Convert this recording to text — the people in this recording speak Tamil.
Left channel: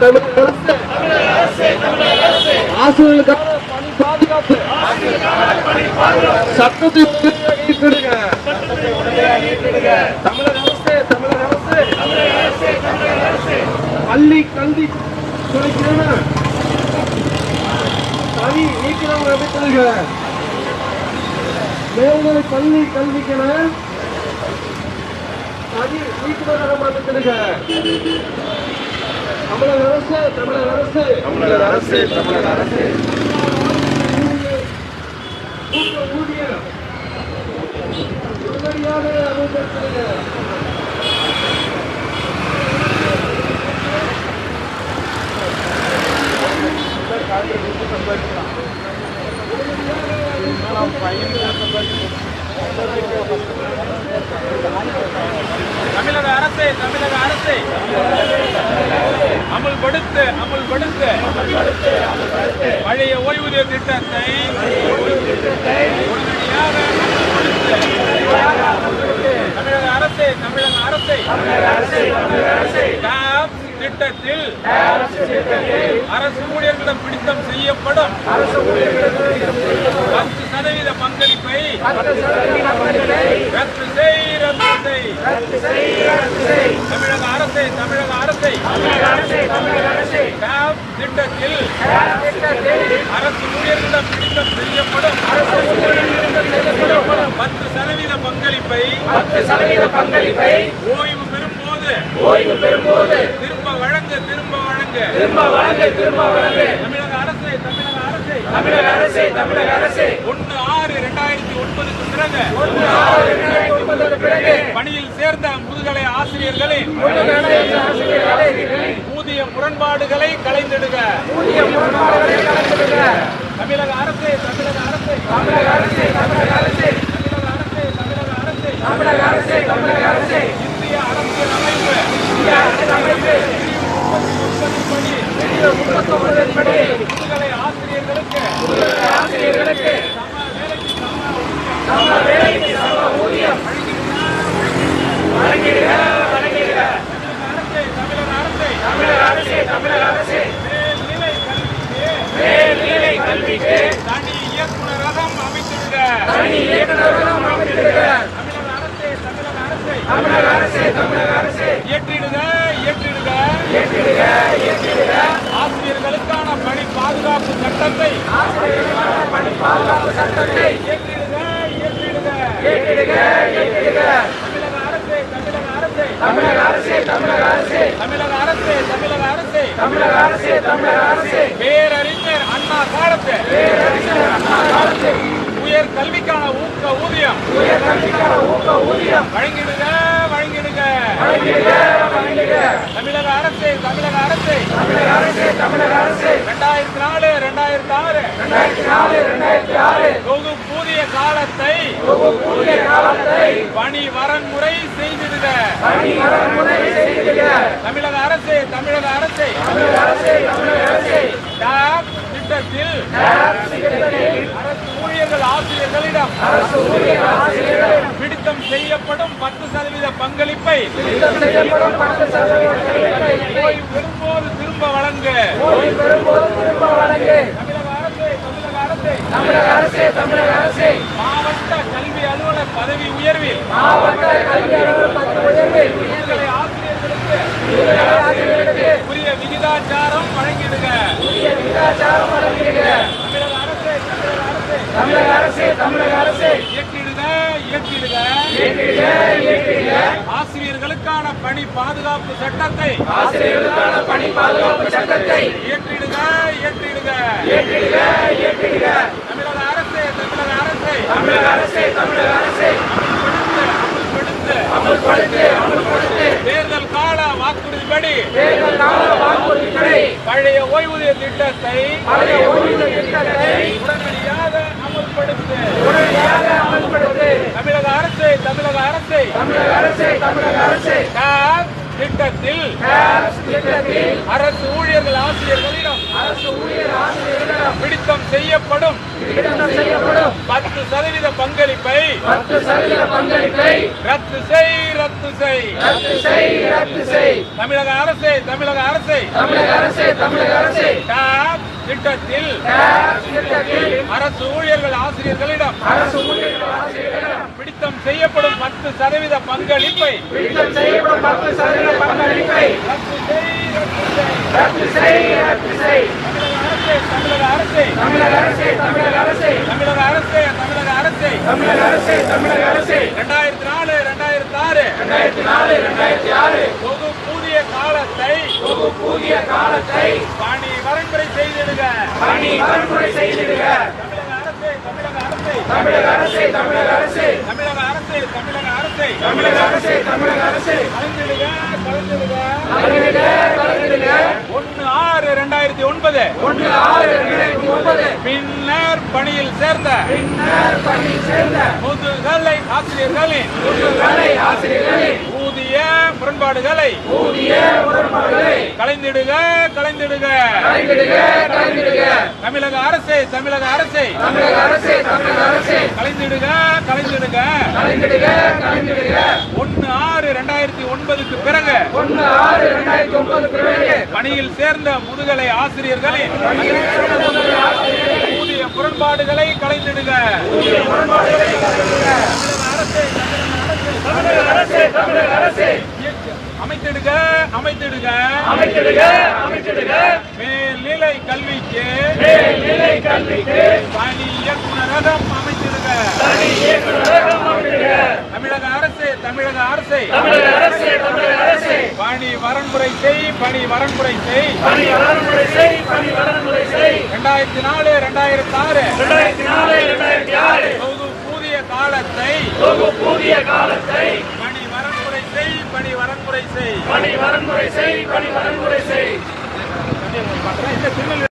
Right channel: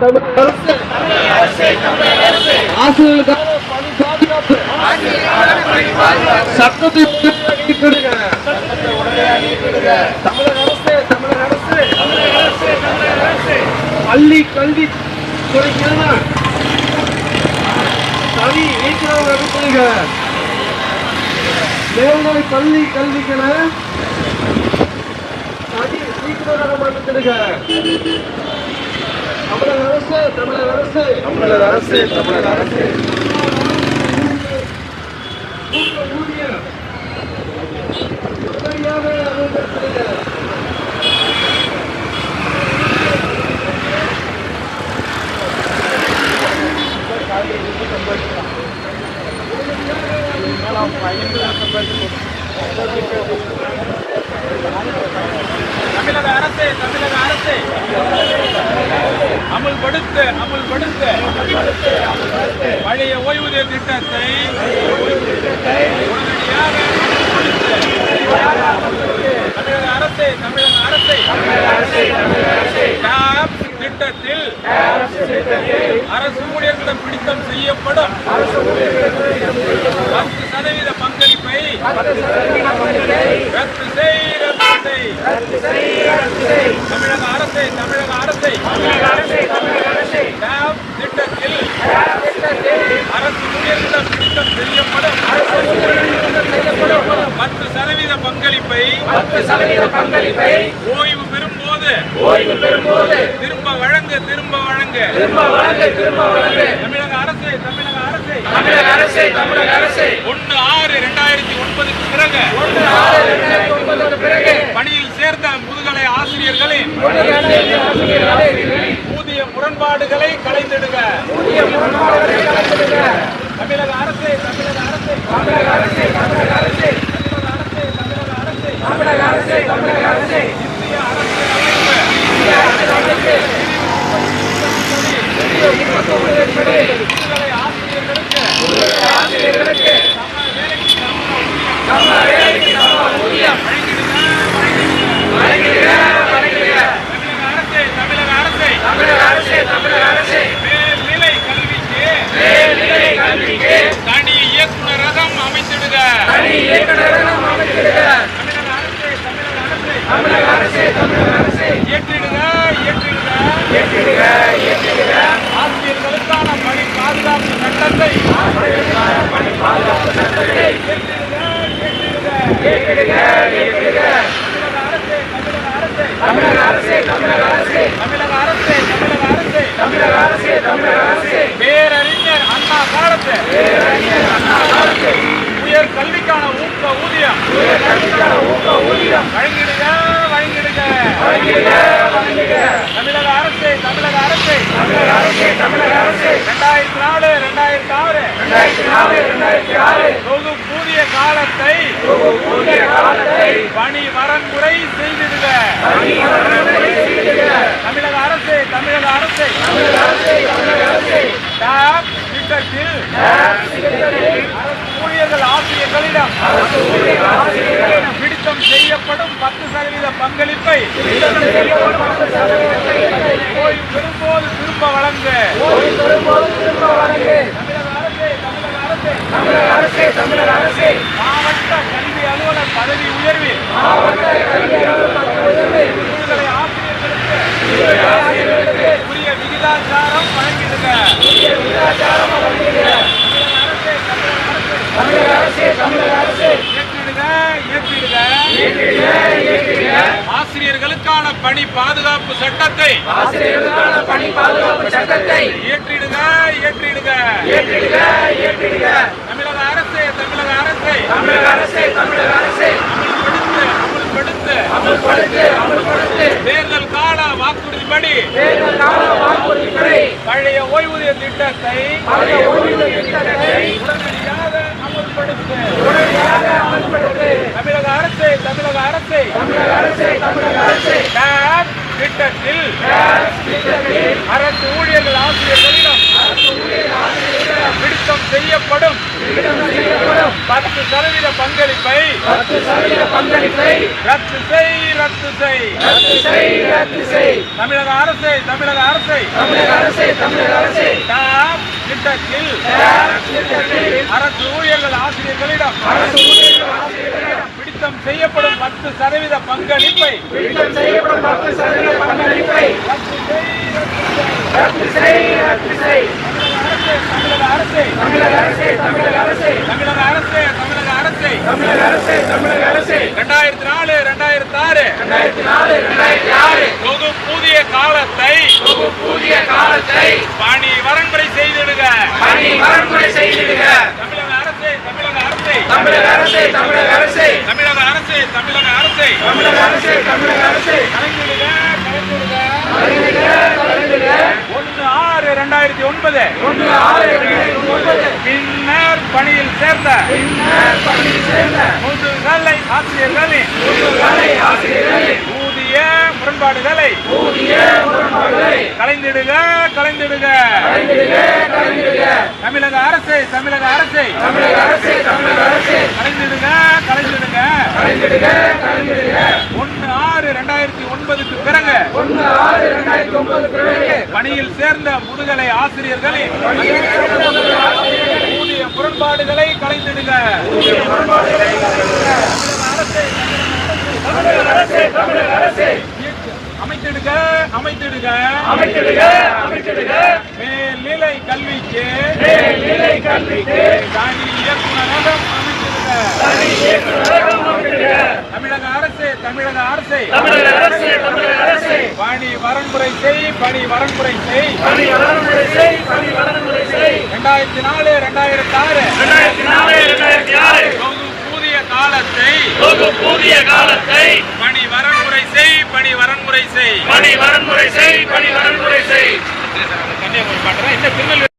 தமிழக அரசு ஆசிரியர்களுக்கான பணி பாதுகாப்பு சட்டத்தை நீக்கிடுங்க. தமிழக அரசு பள்ளி கல்வி துறைக்கான தனி இயக்குநர் நடத்துங்க. மேல்நிலை பள்ளி கல்விக்கான தனி இயக்குநராக மாற்றிடுங்க. தமிழக அரசு ஊதியம் உடனடியாக அமல்படுத்துங்க. தமிழக அரசு அமல்படுத்த பழைய ஓய்வூதிய திட்டத்தை தமிழக அரசு திட்டத்தில் அரசு ஊழியர்களிடம் பிடித்தம் செய்யப்படும் 10% பங்களிப்பை ரத்து செய். தமிழக அரசு திட்டத்தில் அரசு ஊழியர்களிடம் பிடித்தம் செய்யப்படும் 10% பங்களிப்பை ஓய்வு பெறும்போது திரும்ப வழங்க. தமிழக அரசு 1/6/2009 பணியில் சேர்ந்த முதுகலை ஆசிரியர்களின் ஊதிய முரண்பாடுகளை களைந்திடுக. தமிழக அரசு இந்திய அரசியலமைப்பு முதுகலை ஆசிரியர்களுக்கு சம வேலைக்கு சம ஊதியம் தமிழக அரசு மேல்நிலை கல்விக்கு தனி இயக்குநரகம் அமைத்திடுக. தமிழக அரசு இயற்றிடுக. ஆசிரியர்களுக்கான பணி பாதுகாப்பு சட்டத்தை இயற்றிடுக. தமிழக அரசு பேரறிஞர் அண்ணா காலத்து உயர் கல்விக்கான ஊக்க ஊதியம் வழங்கிடுக. தமிழக அரசு 2004-2006 தொகுப்பூதிய காலத்தை பணி வரன்முறை செய்திடுக. தமிழக அரசு திட்டத்தில் அரசு ஊழியர்கள் ஆசிரியர்களிடம் பிடித்தம் செய்யப்படும் 10% பங்களிப்பை ஓய்வு பெறும்போது திரும்ப வழங்க. தமிழக அரசு மாவட்ட கல்வி அலுவலர் பதவி உயர்வில் ஆசிரியர்களுக்கு உரிய விகிதாச்சாரம் வழங்கிடுக. தமிழக அரசு இயற்றிடுக. ஆசிரியர்களுக்கான பணி பாதுகாப்பு சட்டத்தை இயற்றிடுக. தமிழக அரசு தேர்தல் கால வாக்குறுதிப்படி பழைய ஓய்வூதிய திட்டத்தை உடனடியாக அமல்படுத்து. தமிழக அரசு திட்டத்தில் அரசு ஊழியர்கள் ஆசிரியர்களிடம் பிடித்தம் செய்யப்படும் 10% பங்களிப்பை ரத்து செய். தமிழக அரசை டாப் திட்டத்தில் அரசு ஊழியர்கள் ஆசிரியர்களிடம் பிடித்தம் செய்யப்படும் 10% பங்களிப்பை ரத்து செய். தமிழக அரசே 2004 2006 தொகுப்பூதிய காலத்தை பணி வரன்முறை செய்திடுக. தமிழக அரசே கலைந்திடுக. 1/6/2009 பின்னர் பணியில் சேர்ந்த முதுகலை ஆசிரியர்களின் ஊதிய முரண்பாடுகளை கலைந்திடுக. தமிழக அரசை கலைந்திடுக. 1/6/2009 பிறகு பணியில் சேர்ந்த முதுகலை ஆசிரியர்களின் ஊதிய முரண்பாடுகளை கலைந்திடுக. அமைத்திடுக. மேல்நிலை கல்விக்கு தனி இயக்குநரகம் அமைத்திடுக. தமிழக அரசே பணி வரன்முறை செய். 2004 2006 தொகுப்பூதிய காலத்தை பணி வரன்முறை செய். கன்னியாகுமரி பாட்டுறேன். இந்த திருநெல்வேலி